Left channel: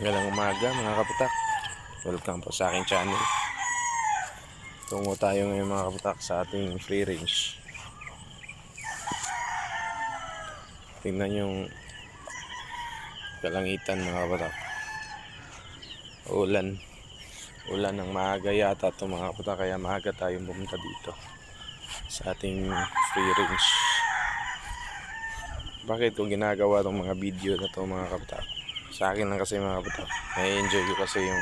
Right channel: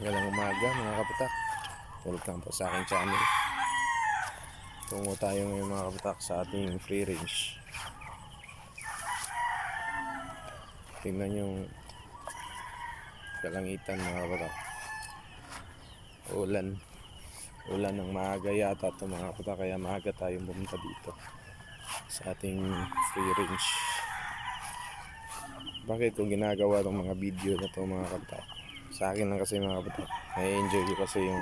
Magandang umaga mga kaputak. Welcome po sa aking channel. Tungo tayo ngayon mga kaputak sa ating free range. Tingnan yung kalangitan mga kaputak. Ulan ng maaga yata ito mga kaputak, kaya maaga tayong pumunta dito sa ating free range. Bakit ko ginagawa itong mga video na ito mga kaputak? Sa akin lang kasi mga kaputak, na-enjoy ko kasi yung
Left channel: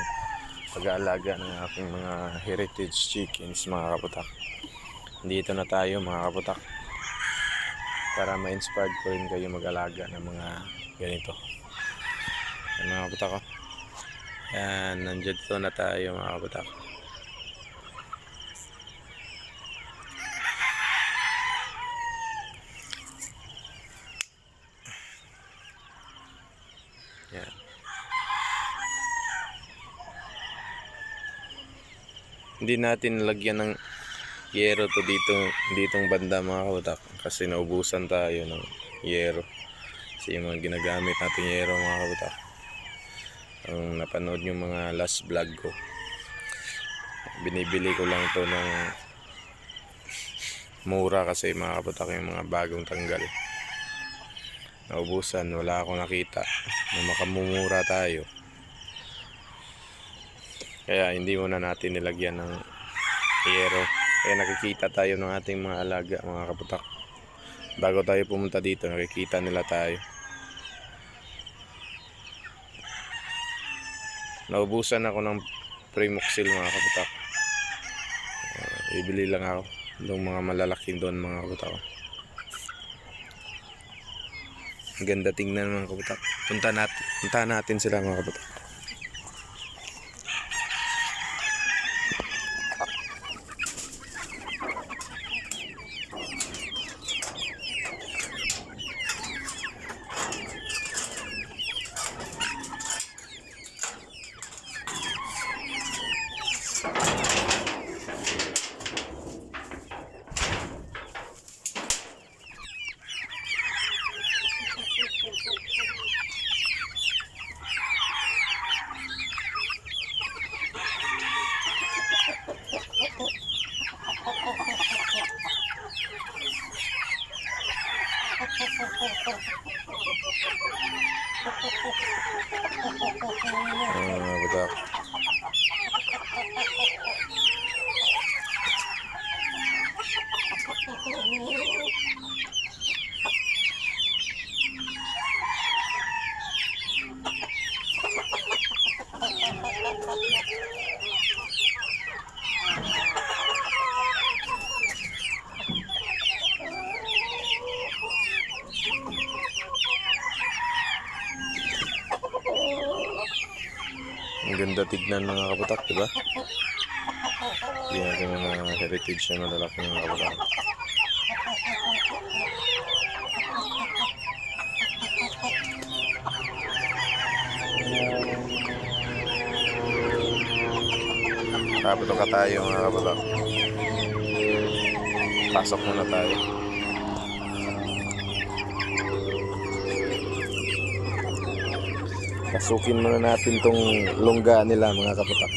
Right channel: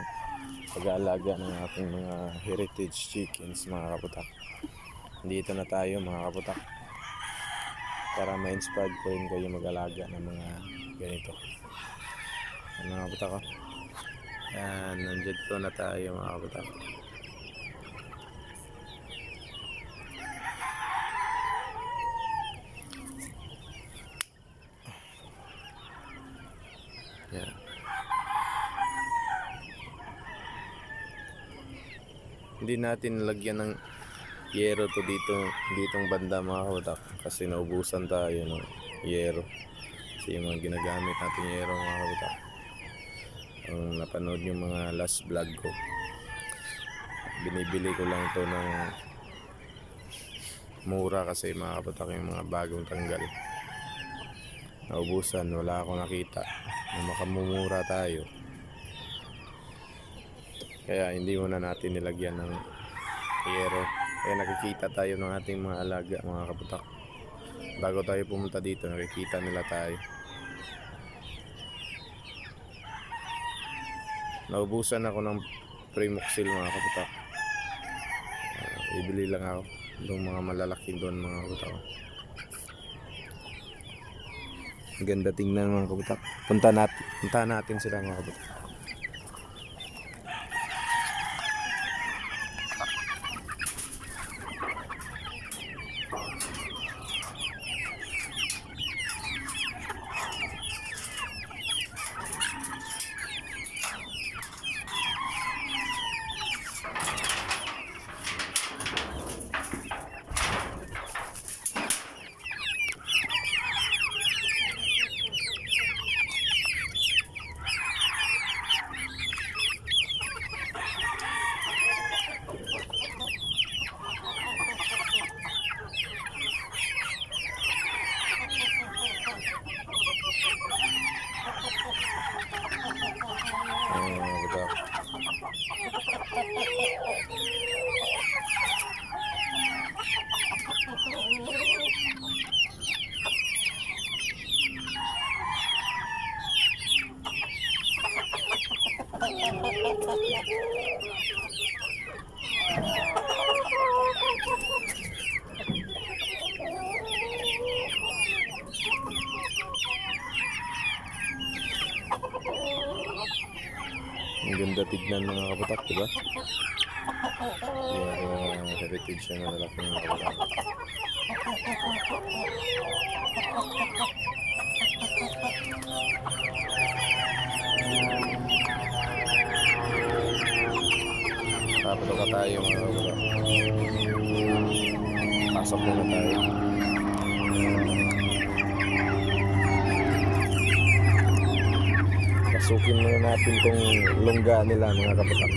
pag-aalaga ng aking mga heritage chickens mga kaputak. Dito na tayo mga kaputak para ma-inspired ko rin kayo mag-alaga ng mga ganito. Yan mga kaputak ko. Yan, nandito na tayo mga kaputak. Yan. Hindi natin lagyan ng yero to ditong banda mga kaputak, kasi naubusan tayo ng yero. Kasi yung mga ginagamit natin yero mga kaputak, ang napanood yung mga last vlog ko, binibili ko lang to ng mura kasi mga kaputak, yung mga bagong tanggal. Naubusan, wala akong nakita na makamumura tayo, kaya hindi muna natin nilagyan ng yero. Kaya nakikita tayo ng ating mga alaga mga kaputak. Bago tayo pumunta dito, nakikita nila tayo. Naubusan ako ng Primoxil mga kaputak. Ibili lang ako ng mga malalaki doon mga kaputak. Ang ganda tingnan mga kaputak. Punta natin sila mga kaputak. Kaputak. Ang ganda tignan mga kaputak, diba? Yan yung mga heritage na malalaki mga kaputak. Kaputok ka tayo mga kaputak. Pasok muna tayo. Pasukin muna natin tong longga nila mga kaputak.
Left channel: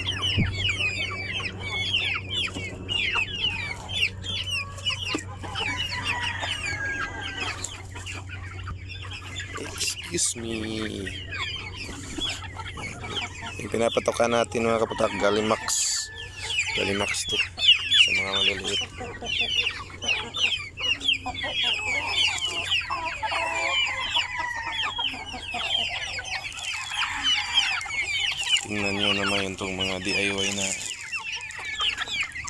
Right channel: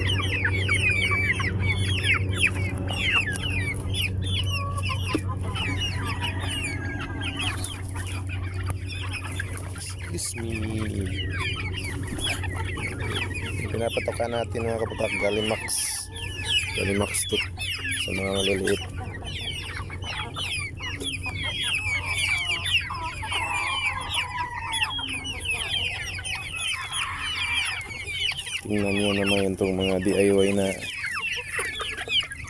Excuse me. Yung pinapatokan natin mga kaputak, Gallimax to sa mga maliliit. Tingnan nyo naman itong mga DIY na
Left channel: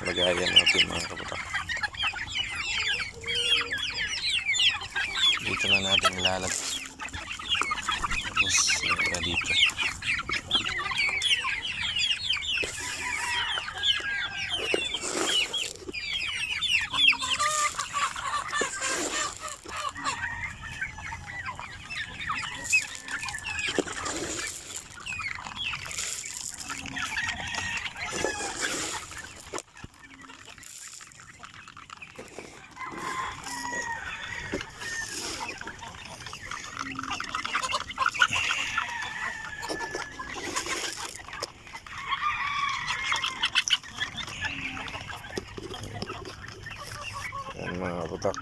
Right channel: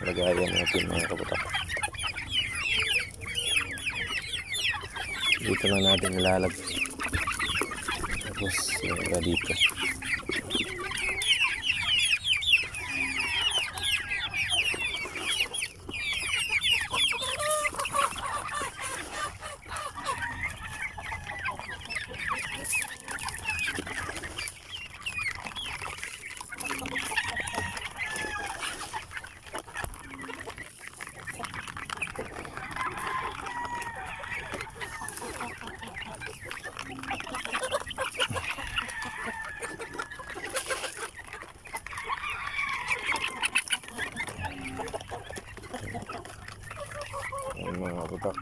lagayan natin mga kaputak. Dito na natin ilalagay. Tapos dito. kaputak.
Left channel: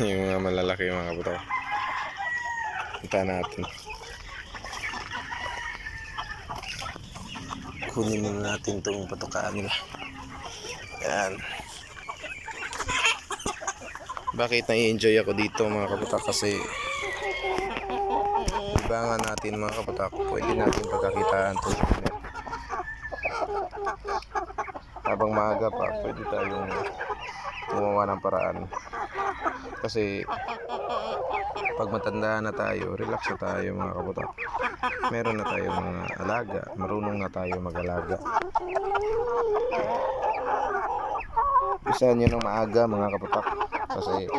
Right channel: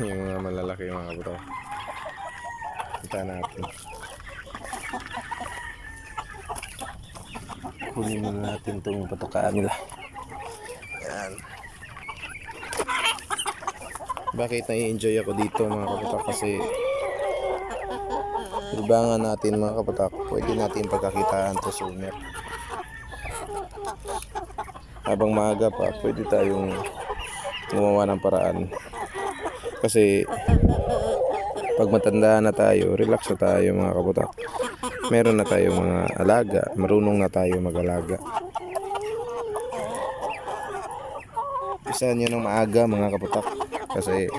Yung mga malalaki mga kaputak. Punta natin. Kunin muna natin itong patukaan nila. Yan. Bakit nai-enjoy ako dito mga kaputak? Kasi libangan natin mga kaputak. Pwede natin pagkakitaan to sa winner. Habang maaga pa, pwede tayong gumawa ng paraan. Kasi pag matanda na tayo, relax na tayo mga kaputak. Meron na tayong mga alaga, marunong na tayo mag-alaga. Isa nyo ng maaga mga kaputak. Kasi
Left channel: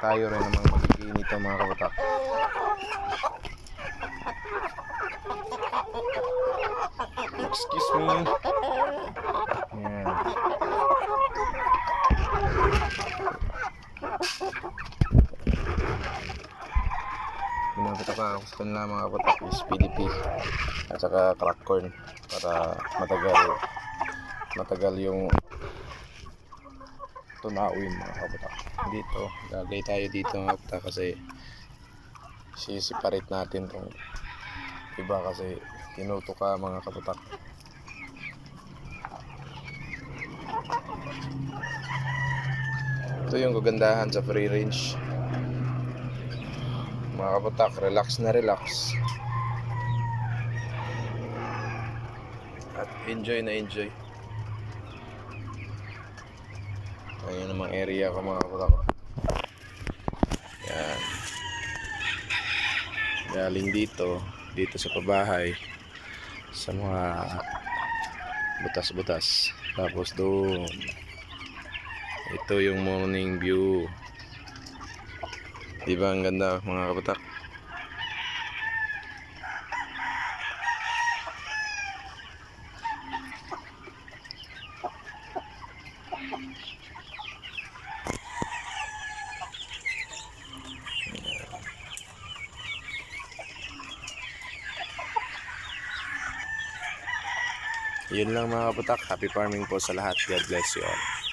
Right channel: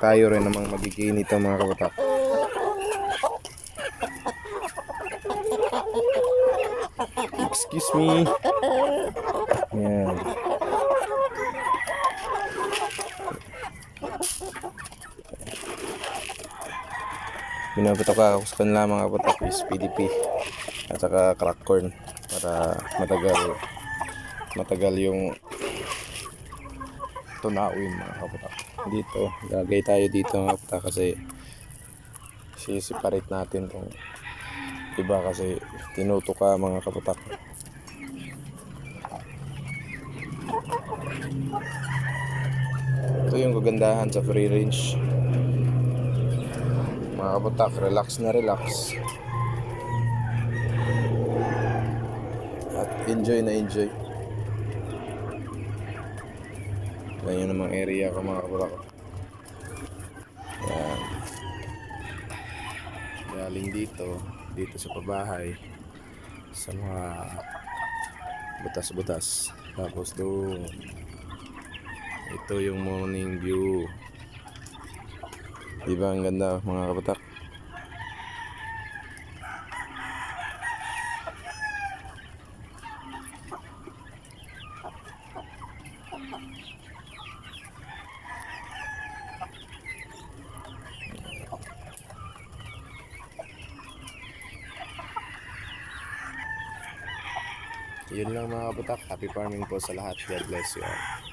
tayo rin namang magiging nito mga kaputak. Excuse me. Yan. Binabatak ako sa kanila mga kaputak is PDP at saka crack corn para matagal yung tunawin mga kaputak. Dito, lagay tayo dito mga kaputak kasi sisiparate natin tong iba kasi tinutuka mga kaputak. Ito yung kagandahan sa free range mga kaputak, relax na relax at enjoy na enjoy. Ganyan namang area ko mga kaputak. Yan, galing dito sa pabahay sa mga butas-butas, tapos doon ito yung morning view. Diba ang ganda mga kaputak? Yun lang mga kaputak. Happy farming po sa lahat. God bless you all.